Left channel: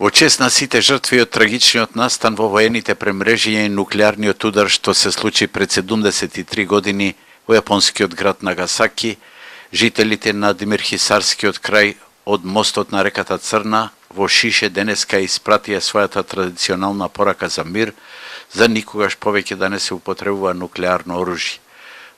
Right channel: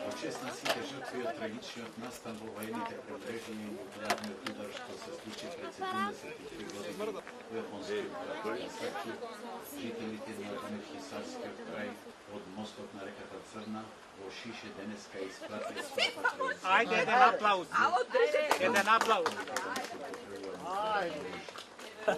Во чест на сите жртви од трагичниот настан во воените премрежија и нуклеарниот удар што се случи пред 73 години во јапонскиот град Нагасаки, жителите на Демирхисарскиот крај од мостот на реката Црна во Шише денеска испратија својата традиционална порака за мир, за никогаш повеќе да не се употребува нуклеарно оружје.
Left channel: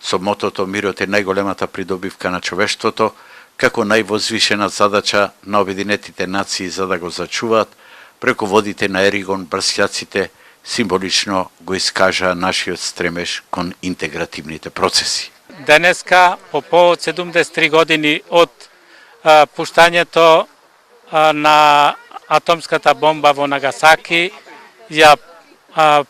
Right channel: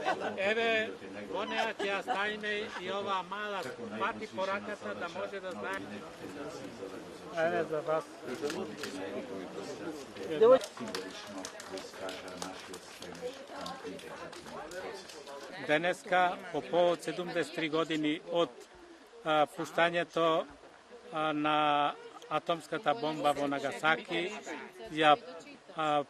Со мотото мирот е најголемата придобивка на човештвото, како највозвишена задача на Обединетите нации за да го зачуваат, преку водите на Еригон брсјаците символично го искажаа нашиот стремеж кон интегративните процеси. Денеска, по повод 73 години од пуштањето на атомската бомба во Нагасаки, ја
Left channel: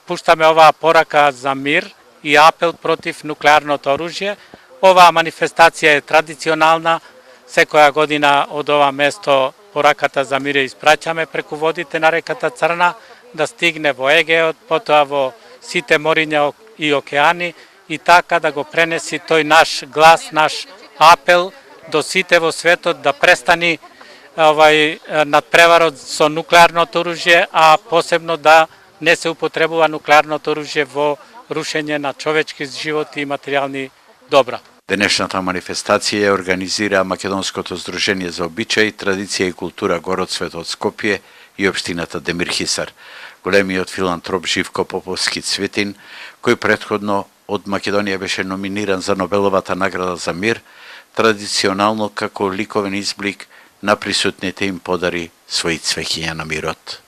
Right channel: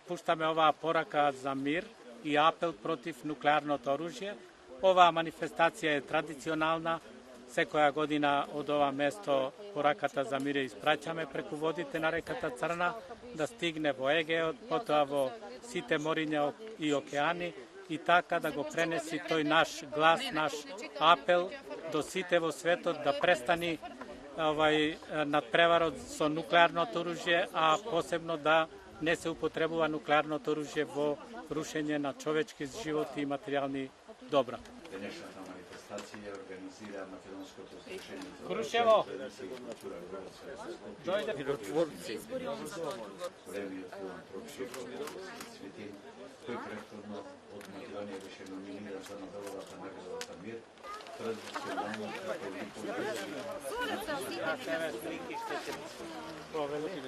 пуштаме оваа порака за мир и апел против нуклеарното оружје. Оваа манифестација е традиционална. Секоја година од ова место пораката за мир ја испраќаме преку водите на реката Црна, да стигне во Егеот, потоа во сите мориња и океани, и така да го пренеси тој наш глас, наш апел до сите во светот да престани надпреварот со нуклеарното оружје, а посебно да не се употребува нуклеарното оружје во рушење на човечки животи и материјални добра. Денешната манифестација ја организира Македонското здружение за обичаи, традиција и култура Городсвет од Скопје и општината Демирхисар. Големиот филантроп Живко Поповски Цветин, кој претходно од Македонија беше номиниран за Нобеловата награда за мир, традиционално како ликовен изблик на присутните им подари своји цвеќиња на мирот.